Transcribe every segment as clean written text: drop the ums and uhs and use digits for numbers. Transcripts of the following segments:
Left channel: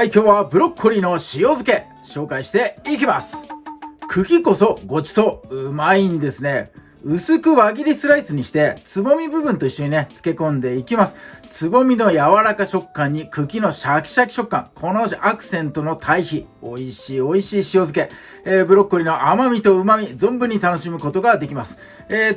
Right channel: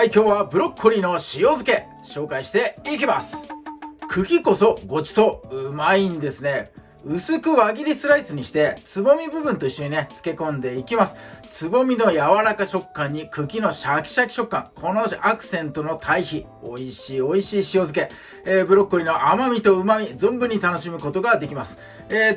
はい、今日はブロッコリーの塩漬け紹介していきます。茎こそごちそううまいんですね。薄く輪切りスライスにしてつぼみ部分と一緒にね漬け込んでいきます。つぼみの柔らか食感に茎のシャキシャキ食感、このアクセントの対比、美味しい塩漬け、ブロッコリーの甘みと旨み存分に楽しむことができます。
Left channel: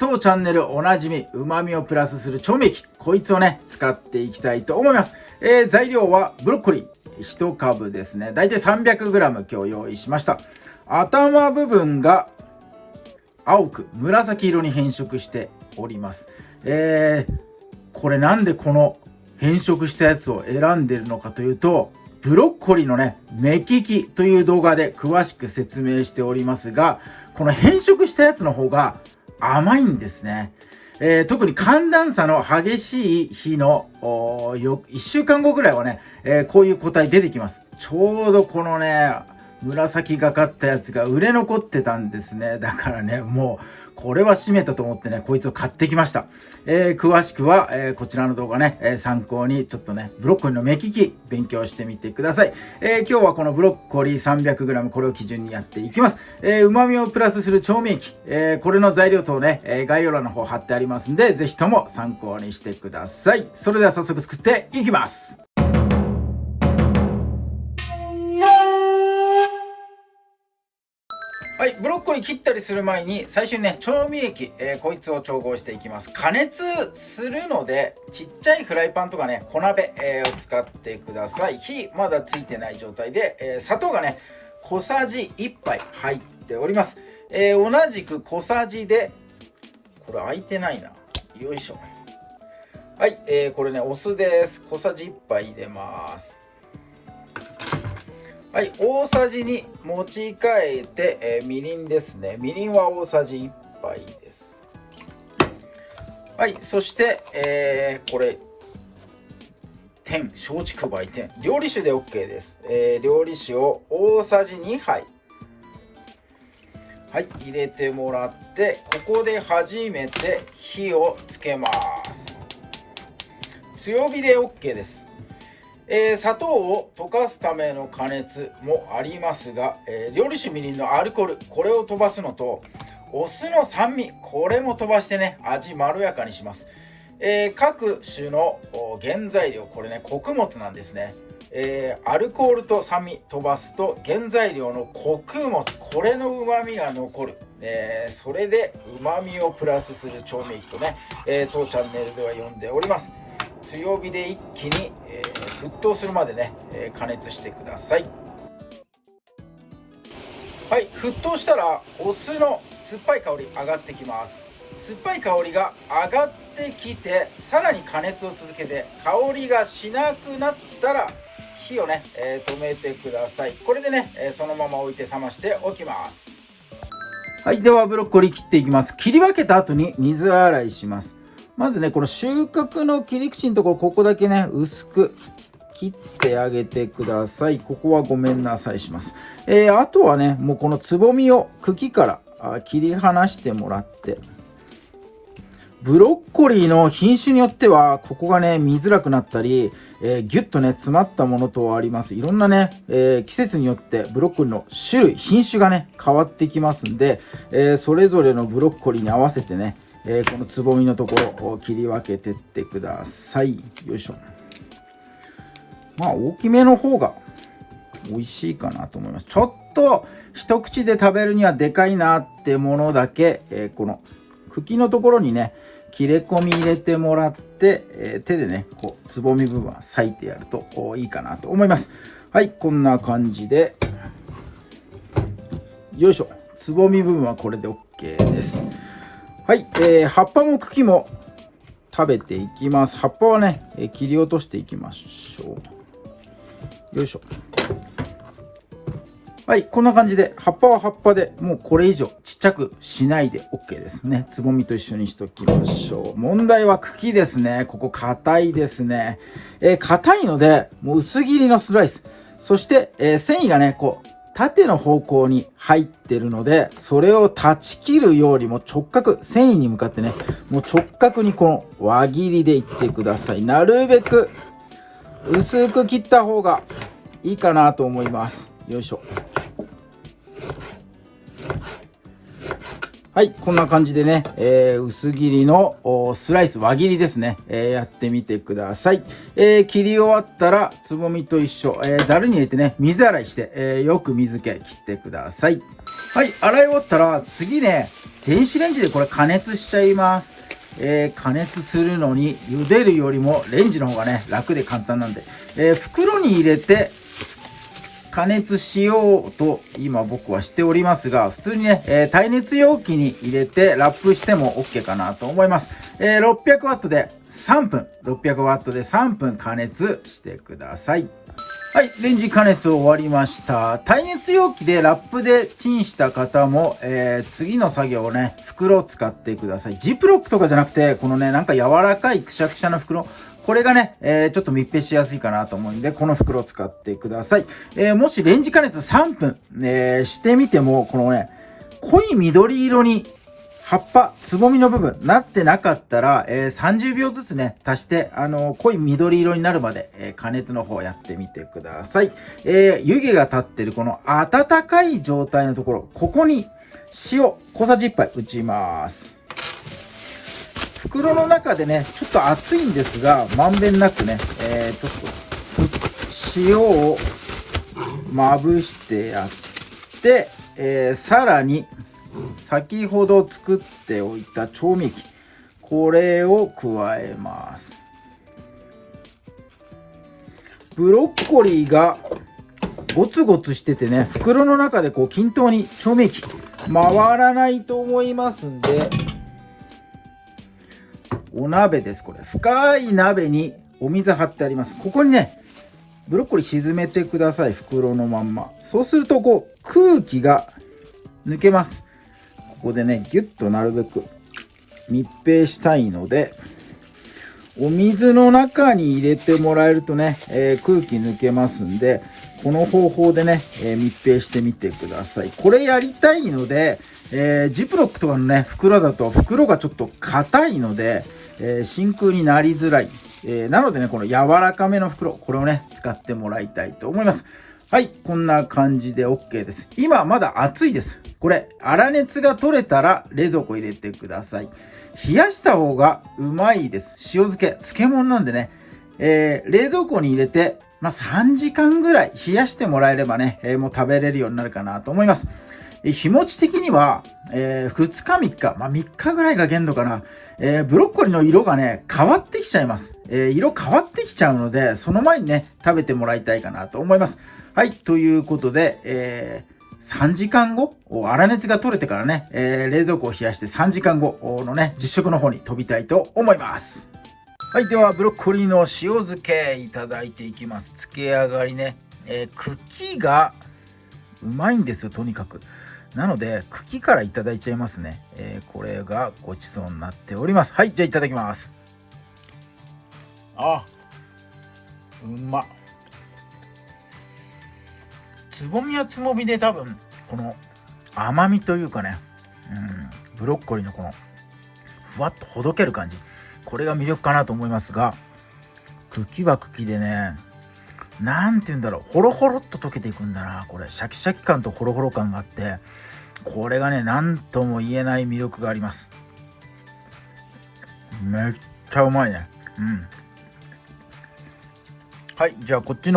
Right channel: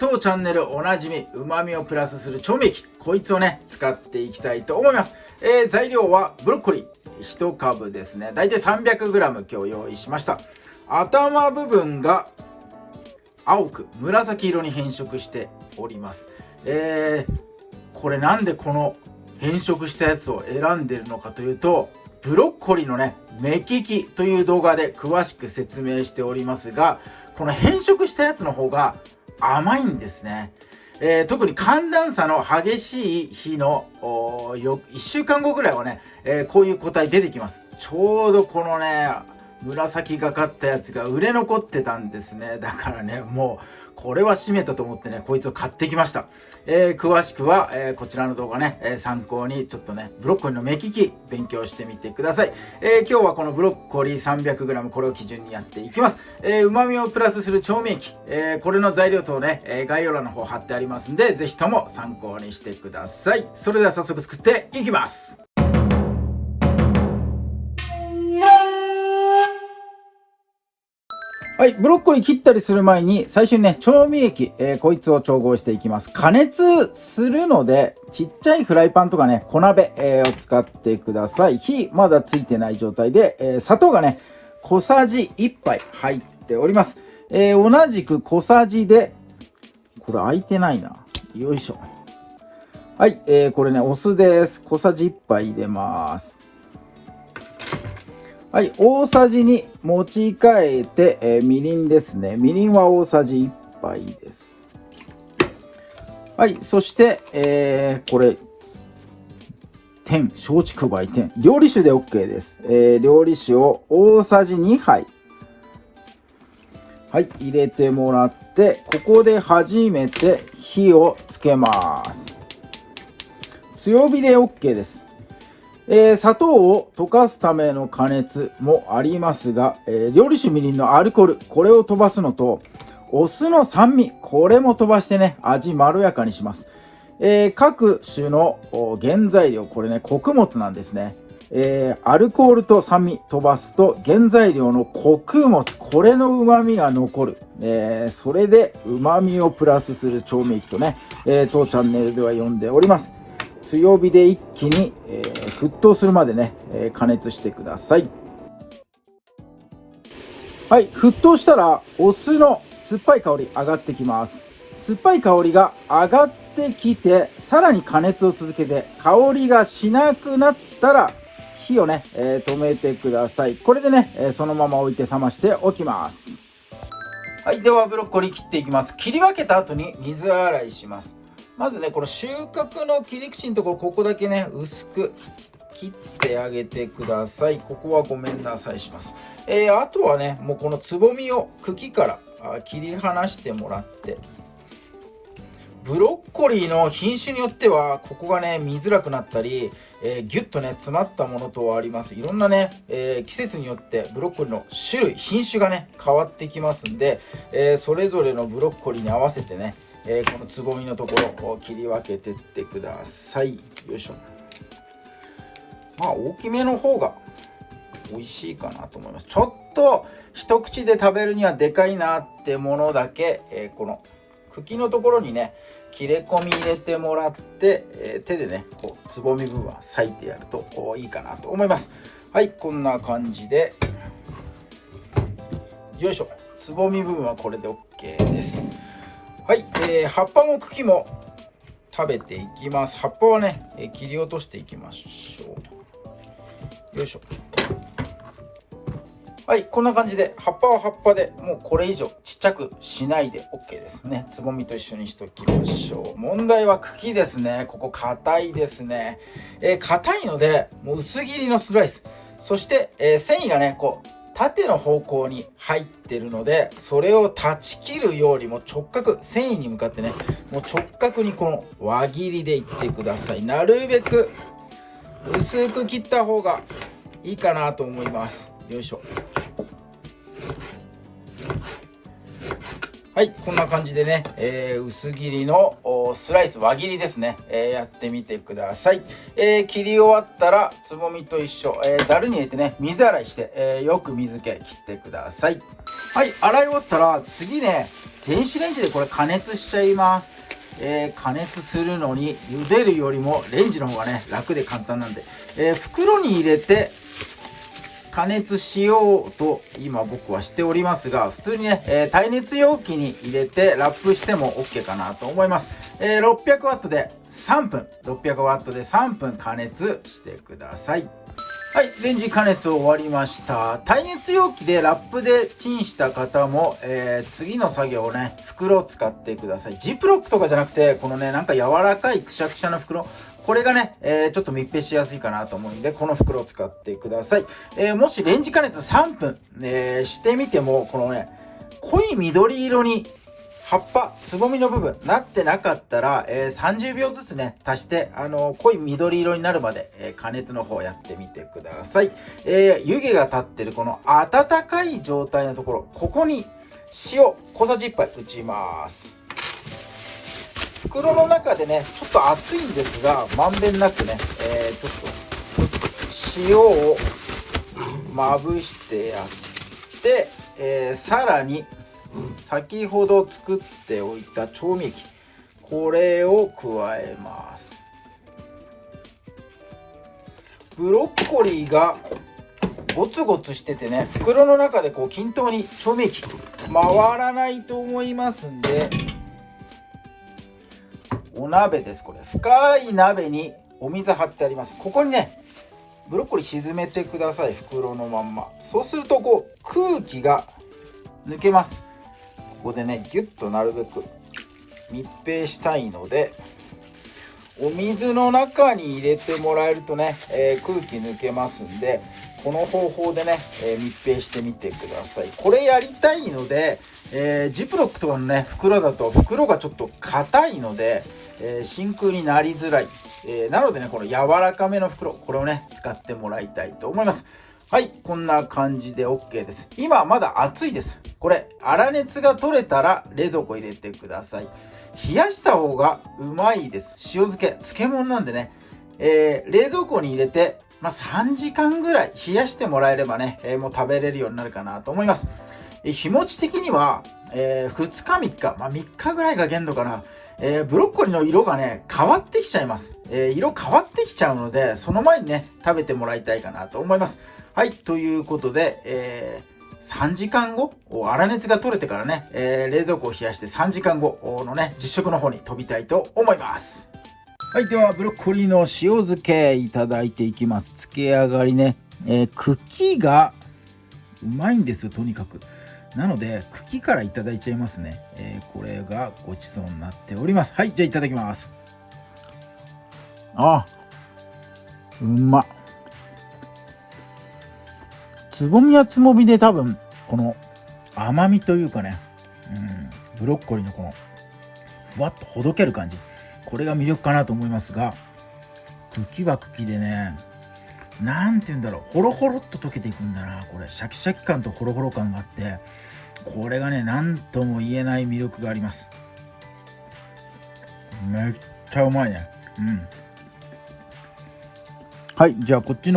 当チャンネルおなじみ旨みをプラスする調味液、こいつをね使っていきたいと思います。材料はブロッコリー1株ですね。だいたい 300g 今日用意しました。頭部分が青く紫色に変色しております。これなんでこの変色したやつを選んでるのかというと、ブロッコリーのね目利きという動画で詳しく説明しておりますが、この変色したやつの方が甘いんですね。特に寒暖差の激しい日の1週間後ぐらいはね、こういう個体出てきます。ちょうどこのね紫がかったやつが売れ残ってたんですね。だからねもうこれは閉めたと思ってねこいつを買ってきました。詳しくは、こちらの動画ね、参考にちょっとねブロッコリーの目利き勉強してみてください。今日はこのブロッコリー 300g これを基準にやっていきます。旨味をプラスする調味液、これの材料等ね、概要欄の方貼ってありますんで、ぜひとも参考にしてください。それでは早速作っていきます。はい、ブロッコリー切ったりする前に最初にね調味液、こいつを調合していきます。加熱するのでちっちゃいフライパンとかね小鍋、を使ってください。火まだついてない状態で、砂糖がね小さじ1杯入っております。同じく小さじで、これ開いてないな、よいしょ。はい、これねお酢です。小さじ1杯入れます。はい、大さじに持ち替えて、みりんですね。みりんは大さじ1杯です。はい、そして、これ松竹梅天料理酒で OK です。料理酒を大さじ2杯はい入れてもらって、ここで初めて火をつけます。強火で OK です。砂糖を溶かすための加熱もありますが、料理酒みりんのアルコール、これを飛ばすのとお酢の酸味、これも飛ばしてね味まろやかにします。各種の原材料、これね穀物なんですね。アルコールと酸味飛ばすと原材料の穀物、これのうまみが残る。それでうまみをプラスする調味液とね、当チャンネルでは読んでおります。強火で一気に、沸騰するまでね、加熱してください。はい、沸騰したらお酢の酸っぱい香り上がってきます。酸っぱい香りが上がってきて、さらに加熱を続けて香りがしなくなったら火をね、止めてください。これでね、そのまま置いて冷ましておきます。はい、ではブロッコリー切っていきます。切り分けた後に水洗いします。まずねこの収穫の切り口のところ、ここだけね薄く切ってあげてください。ここはごめんなさいします。あとはねもうこのつぼみを茎から切り離してもらって、ブロッコリーの品種によってはここがね見づらくなったり、ギュッとね詰まったものとあります。いろんなね、季節によってブロッコリーの種類品種がね変わってきますんで、それぞれのブロッコリーに合わせてねこのつぼみのところを切り分けてってください。よいしょ。まあ大きめの方が美味しいかなと思います。ちょっと一口で食べるにはでかいなってものだけ、この茎のところにね切れ込み入れてもらって、手でねこうつぼみ部分は裂いてやるといいかなと思います。はい、こんな感じでよいしょ。つぼみ部分はこれで OK です。はい、葉っぱも茎も食べていきます。葉っぱはね、切り落としていきましょう。よいしょ。はい、こんな感じで葉っぱは葉っぱでもうこれ以上ちっちゃくしないで OK ですね。つぼみと一緒にしときましょう。問題は茎ですね。ここ硬いですね。硬いのでもう薄切りのスライス、そして、繊維がねこう縦の方向に入ってるので、それを断ち切るよりも直角、繊維に向かってねもう直角にこの輪切りでいってください。なるべく薄く切った方がいいかなと思います。よいしょ。はい、こんな感じでね、薄切りのスライス、輪切りですね、やってみてください。切り終わったら、つぼみと一緒、ざるに入れてね、水洗いして、よく水気切ってください。はい、洗い終わったら、次ね、電子レンジでこれ加熱しちゃいます。加熱するのに、茹でるよりもレンジの方がね、楽で簡単なんで、袋に入れて、加熱しようと今僕はしておりますが、普通にね、耐熱容器に入れてラップしても OK かなと思います。600ワットで3分、600ワットで3分加熱してください。はい、レンジ加熱終わりました。耐熱容器でラップでチンした方も、次の作業をね、袋を使ってください。ジップロックとかじゃなくて、このね、なんか柔らかいくしゃくしゃの袋、これがね、ちょっと密閉しやすいかなと思うんで、この袋を使ってください。もしレンジ加熱3分、してみても、このね、濃い緑色に葉っぱ、つぼみの部分、なってなかったら、30秒ずつね、足して、濃い緑色になるまで、加熱の方やってみてください。湯気が立ってるこの温かい状態のところ、ここに塩、小さじ1杯打ちます。袋の中でね、ちょっと熱いんですが、まんべんなくね、ちょっと塩をまぶしてやって、さらに先ほど作っておいた調味液、これを加えます。ブロッコリーがゴツゴツしててね、袋の中でこう均等に調味液回らないと思いますんで、お鍋です。これ深い鍋にお水張ってあります。ここにね、ブロッコリー沈めてください。袋のまんま。そうするとこう空気が抜けます。ここでね、ギュッとなるべく密閉したいので、お水の中に入れてもらえるとね、空気抜けますんで、この方法でね、密閉してみてください。これやりたいので、ジップロックとかのね、袋だと袋がちょっと硬いので、真空になりづらい。なのでね、この柔らかめの袋、これをね、使ってもらいたいと思います。はい、こんな感じで OK です。今まだ熱いです。これ、粗熱が取れたら冷蔵庫入れてください。冷やした方がうまいです。塩漬け、漬物なんでね、冷蔵庫に入れて、3時間ぐらい冷やしてもらえればね、もう食べれるようになるかなと思います。日持ち的には、2日3日、3日ぐらいが限度かな。ブロッコリーの色がね、変わってきちゃいます。色変わってきちゃうので、その前にね、食べてもらいたいかなと思います。はい、ということで、3時間後、粗熱が取れてからね、冷蔵庫を冷やして3時間後のね、実食の方に飛びたいと思います。はい、ではブロッコリーの塩漬けいただいていきます。漬け上がりね、茎がうまいんですよ、とにかく。なので茎からいただいちゃいますね。これがごちそうになっております。はい、じゃあいただきます。うまっ。つぼみはつぼみで多分この甘みというかね、ブロッコリーのこのふわっとほどける感じ、これが魅力かなと思いますが、茎は茎でね、なんて言うんだろう、ホロホロっと溶けていくんだな。これシャキシャキ感とホロホロ感があって、これがね、なんとも言えない魅力があります。めっちゃうまいね。はい、じゃあこっち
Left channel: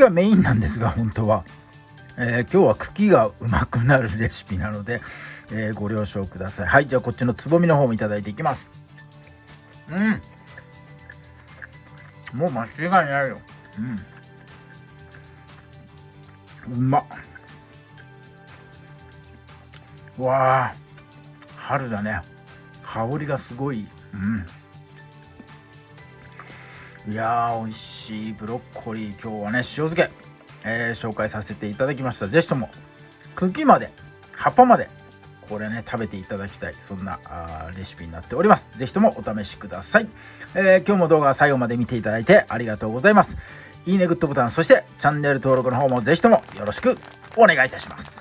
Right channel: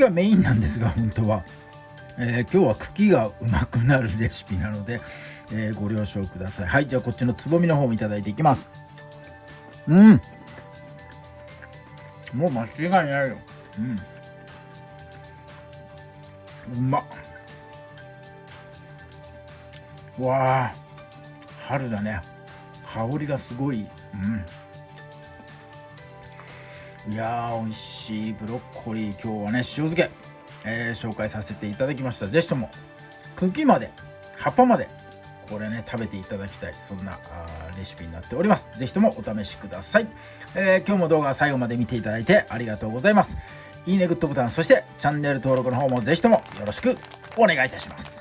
がメインなんですが、本当は、今日は茎がうまくなるレシピなので、ご了承ください。はい、じゃあこっちのつぼみの方もいただいていきます。もう間違いないよ。うまっ。わあ、春だね。香りがすごい。いやー、美味しいブロッコリー、今日はね、塩漬け、紹介させていただきました。ぜひとも茎まで葉っぱまでこれね、食べていただきたい、そんなレシピになっております。ぜひともお試しください。今日も動画最後まで見ていただいてありがとうございます。いいね、グッドボタン、そしてチャンネル登録の方もぜひともよろしくお願いいたします。